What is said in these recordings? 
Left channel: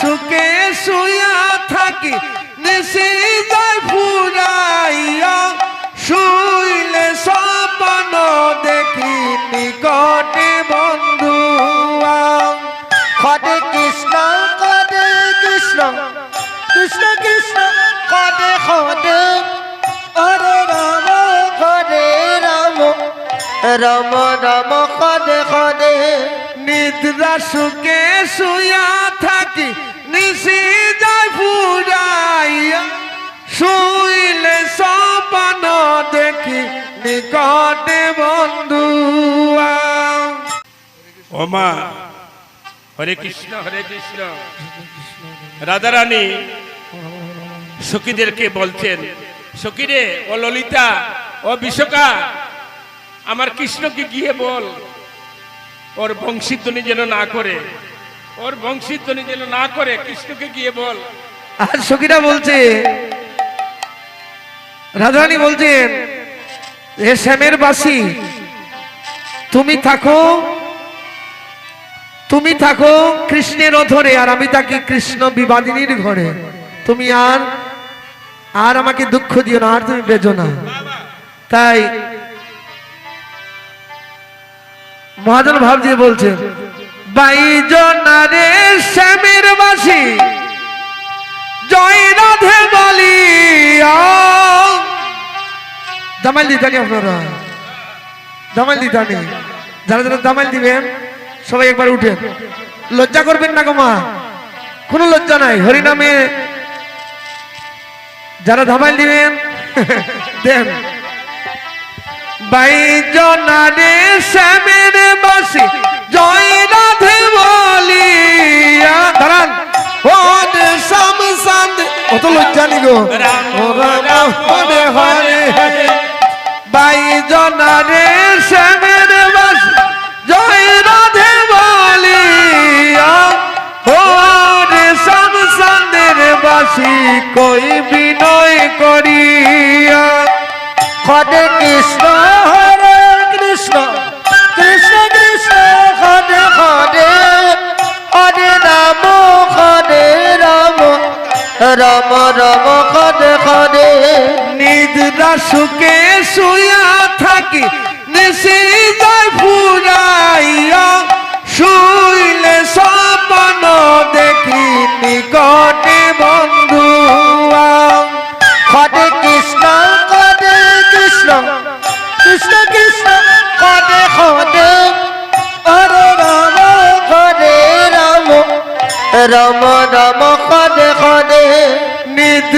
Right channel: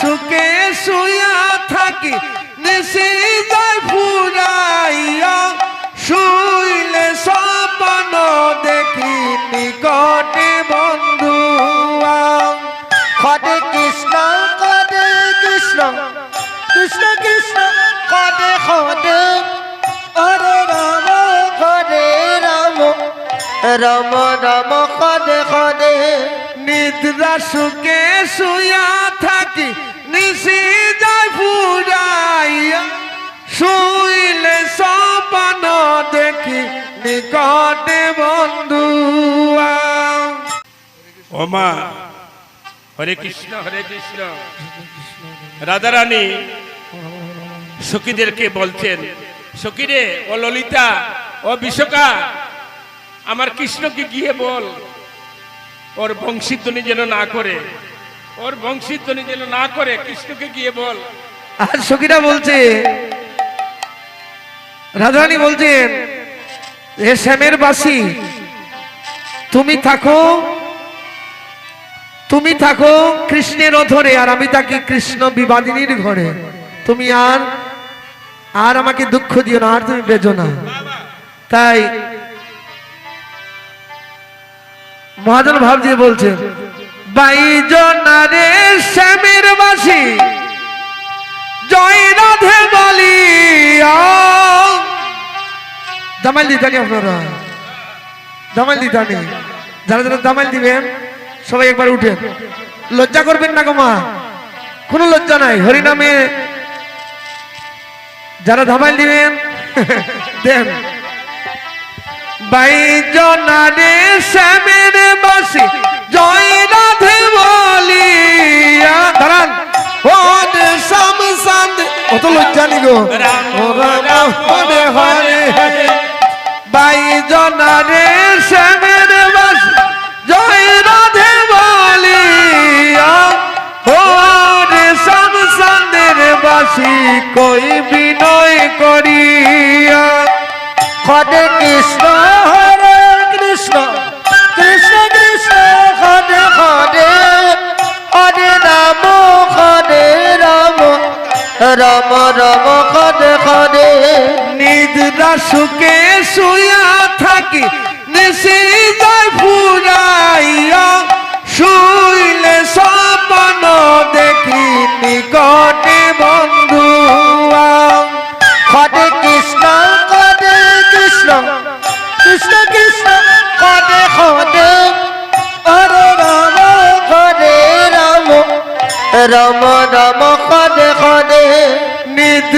সুখে শুয়া থাকি, নিশি যায় ফুরাইয়া, শুইলে স্বপ্ন দেখি নিকটে বন্ধু হরে কৃষ্ণ হরে কৃষ্ণ কৃষ্ণ কৃষ্ণ হরে হরে হরে রাম হরে রাম রাম রাম হরে হরে নিদ্রা সুখে শুয়া থাকি, নিশি যায় ফুরাইয়া। শুইলে স্বপ্ন দেখি নিকটে বন্ধু ও মা, হরে কৃষ্ণ হরে কৃষ্ণ। রাধারানী সখীদেরকে বলছেন, সখীরে, ও ললিতা, ও বিশ্বকা আমার কৃষ্ণকে গিয়ে বল। ওর বংশীধ্বনি যেন না করে। ওর বংশীধ্বনি যেন না করে কৃষ্ণকে গিয়ে বল। আর সখীরা বলছে রাধারানী বলছেন হে শ্যামের বাসী তুমি থাকো তুমি থাকো কৃষ্ণের অধরে আর আমি থাকি কৃষ্ণ বিবাদিনীর ঘরে। তুমি আর আর আমাকে দুঃখ দিও না আর তুমি বেজো না। তাই মহাজন ভাব দিয়ে বলছেন বাইজনারে শ্যামের বাসী জয় রাধে বলিয়া দামাইল দিতানি আপনারা। দামাইল দিতানি যারা যারা দামাইল দিবেন, সবাই একবার উঠেন। লজ্জা করবেন না গো মা। কোনো লজ্জা নাই। হরিনামে যারা ধামাইল দিবেন, দেন। বাইজনারে শ্যামের বাসি জয় রাধে বলিয়া। দাঁড়ান। হদ সাম সান্দ অত লজ্জা নি গো হরে হরে। বাইজনারে শ্যামের বাসি জয় রাধে বলিয়া। হদ সাম সান্দের বাসি কই বিনয় করিয়া। হরে কৃষ্ণ হরে কৃষ্ণ কৃষ্ণ কৃষ্ণ, হরে হরে হরে রাম হরে রাম রাম রাম, হরে হরে। নিদ্রা সুখে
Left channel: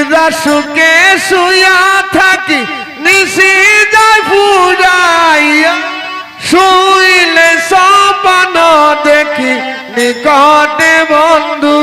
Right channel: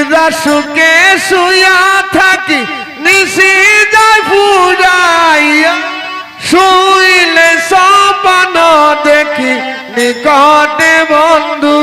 নিদ্রা সুখে শুয়া থাকি নিশি যায় ফুরাইয়া। শুইলে সপন দেখি নিকটে বন্ধু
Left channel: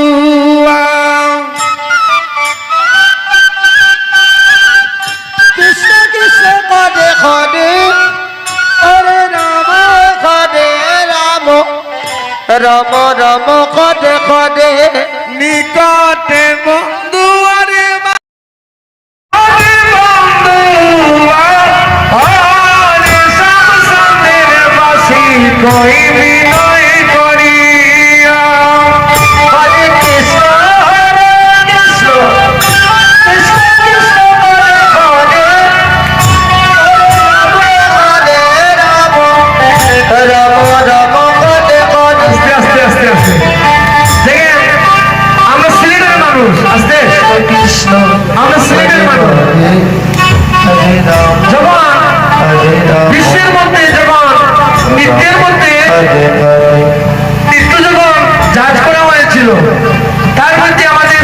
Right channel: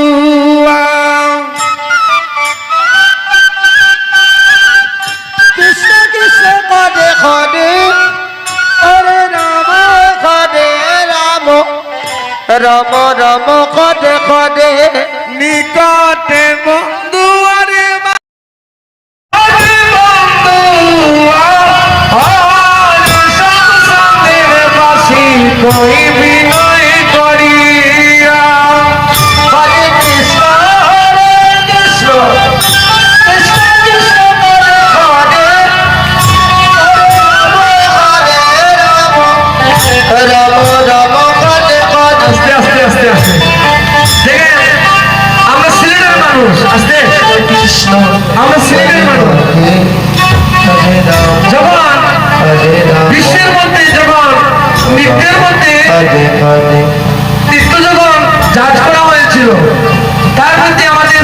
তার মধ্যে আমাদের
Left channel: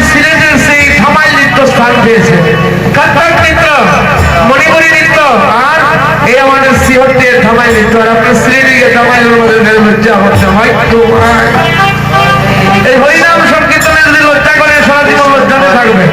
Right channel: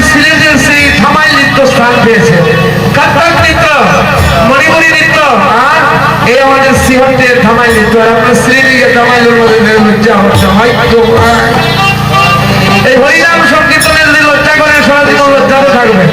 সেই থামাই নৃত্য স্থান পেয়েছে। কাত্তাক নৃত্য, মণিপুরী নৃত্য, আর এই আমাদের সিহটের থামাই নৃত্য। আর আপনি সিলেটের থামাইলের মধ্যে লজ্জা হচ্ছে হয়তো এই হরিনাম সংকীর্তনের লজ্জা করে, সারা জীবন লজ্জাতে থাকবে।